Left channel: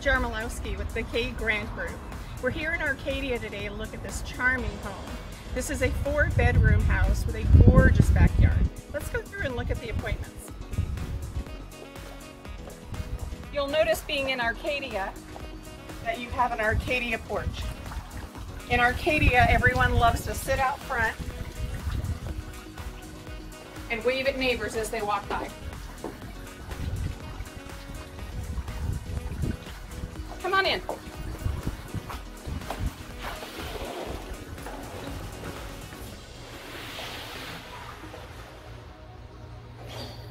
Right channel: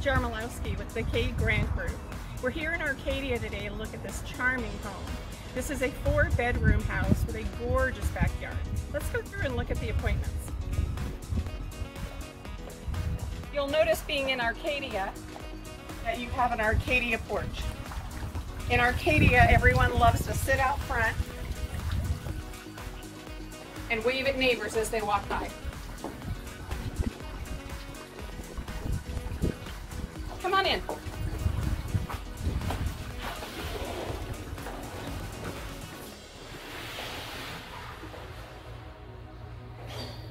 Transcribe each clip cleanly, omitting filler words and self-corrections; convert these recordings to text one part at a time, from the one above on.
Jarmilowski with the K Grant Group. We're here in Arcadia today to look at this charming home. This is a 4-bedroom house with a gorgeous backyard. Let's go through and look at the appointments. You'll notice being in Arcadia that you have an Arcadia porch. In Arcadia, everyone loves to sit out front and wave at neighbors as they walk by. Come on in.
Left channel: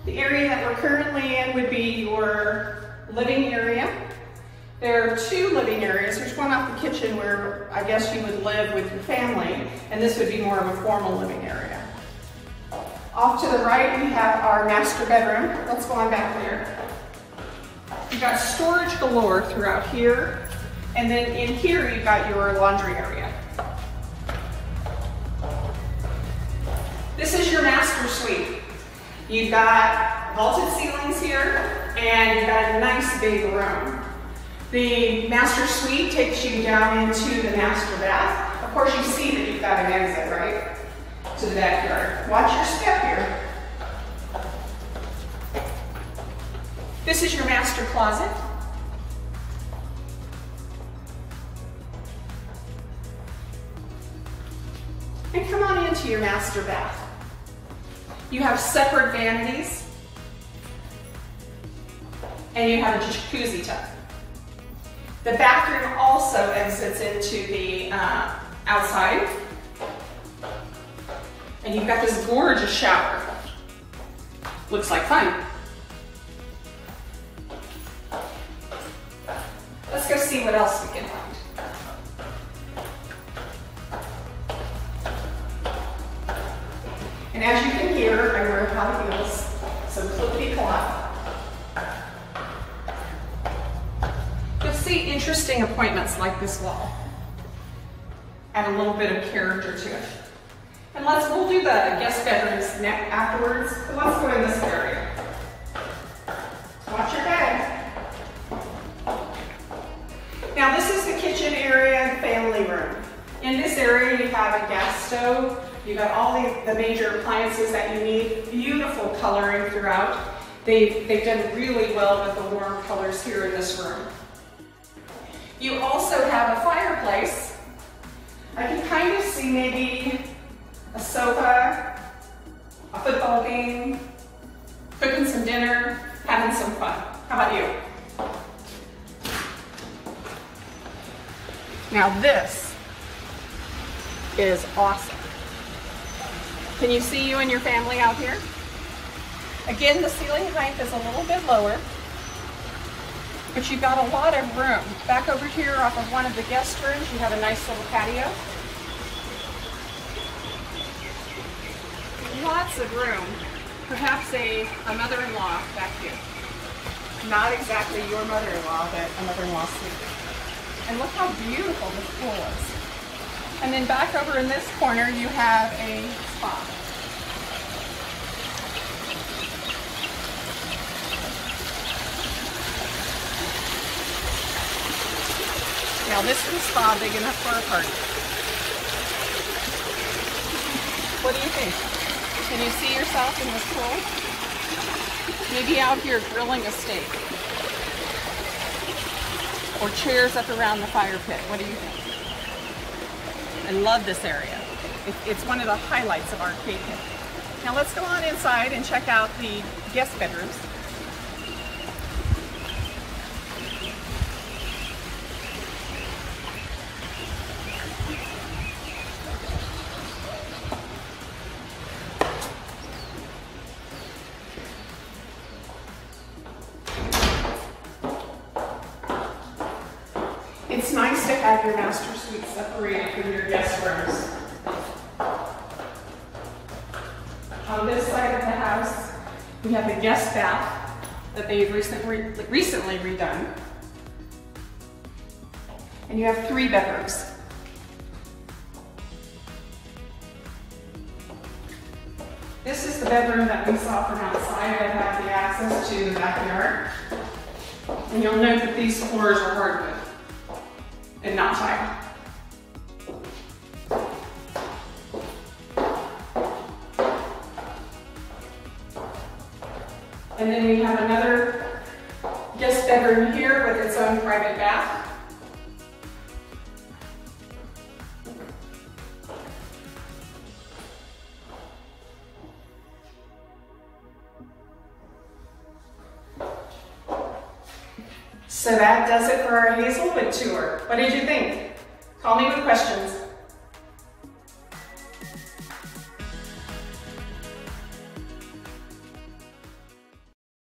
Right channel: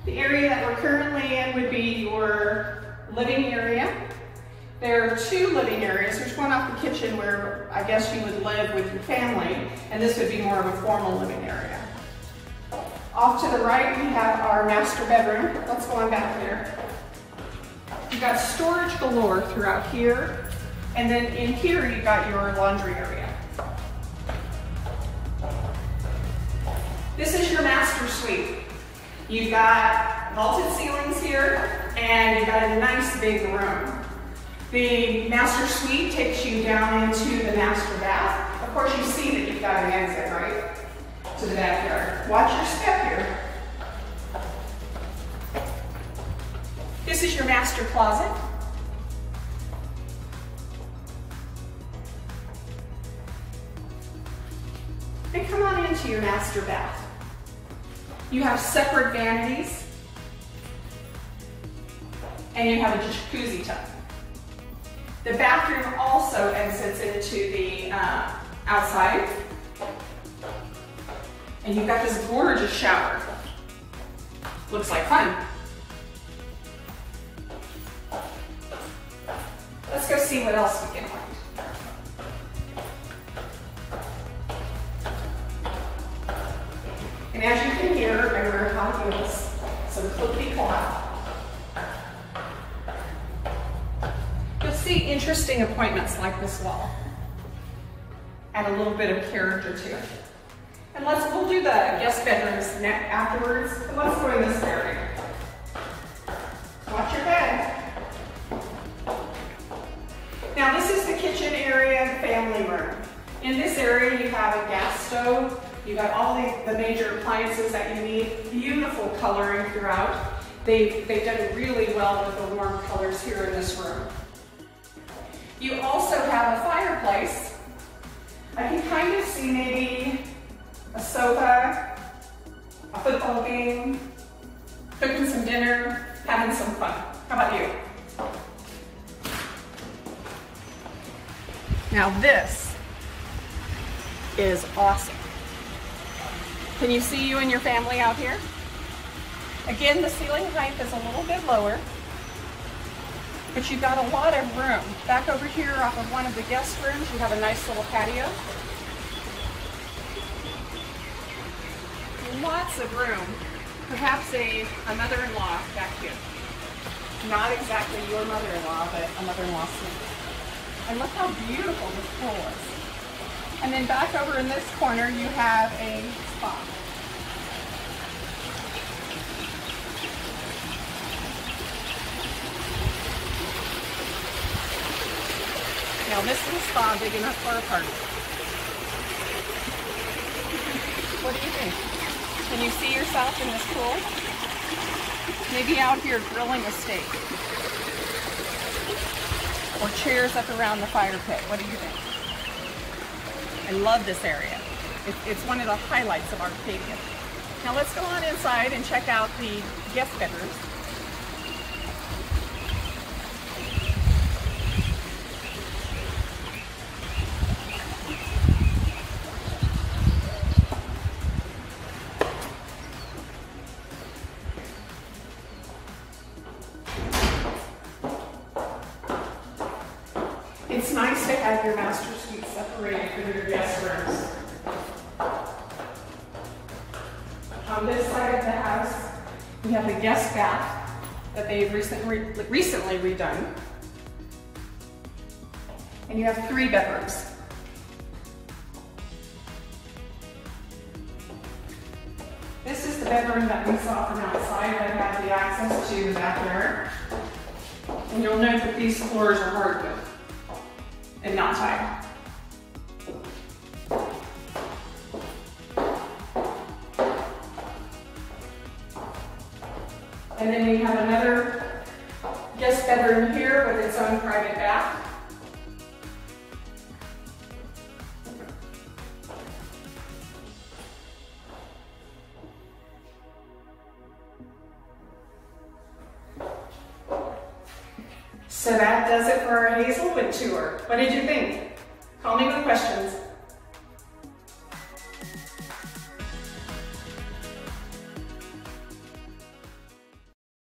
The area that we're currently in would be your living area. There are 2 living areas. There's one off the kitchen where I guess you would live with your family, and this would be more of a formal living area. Off to the right, we have our master bedroom. Let's go on back there. You've got storage galore throughout here, and then in here you've got your laundry area. This is your master suite. You've got vaulted ceilings here, and you've got a nice big room. The master suite takes you down into the master bath. Of course, you see that you've got an exit, right, to the backyard. Watch your step here. This is your master closet. And come on into your master bath. You have separate vanities, and you have a jacuzzi tub. The bathroom also exits into the outside, and you've got this gorgeous shower. Looks like fun. Let's go see what else we can find. And as you can hear, I wear high heels, so clippity-clop. You'll see interesting appointments like this wall. Add a little bit of character to it. And we'll do the guest bedrooms afterwards, but let's go in this area. Watch your bed. Now this is the kitchen area, the family room. In this area you have a gas stove. You've got all the major appliances that you need. Beautiful coloring throughout. They've done really well with the warm colors here in this room. You also have a fireplace. I can kind of see maybe a sofa, a football game, cooking some dinner, having some fun. How about you? Now this is awesome. Can you see you and your family out here? Again, the ceiling height is a little bit lower, but you've got a lot of room. Back over here off of one of the guest rooms, you have a nice little patio. Lots of room. Perhaps a mother-in-law back here. Not exactly your mother-in-law, but a mother-in-law suite. And look how beautiful this pool is. And then back over in this corner, you have a spa. Now this is a spa big enough for a party. What do you think? Can you see yourself in this pool? Maybe out here grilling a steak. Or chairs up around the fire pit. What do you think? I love this area. It's one of the highlights of Arcadia. Now let's go on inside and check out the guest bedrooms. It's nice to have your master suite separated from your guest rooms. On this side of the house, we have the guest bath that they've recently redone. And you have 3 bedrooms. This is the bedroom that we saw from outside that has the access to the backyard. And you'll note that these floors are hardwood and not tile. And then we have another guest bedroom here with its own private bath. So that does it for our Hazelwood tour. What did you think? Call me with questions.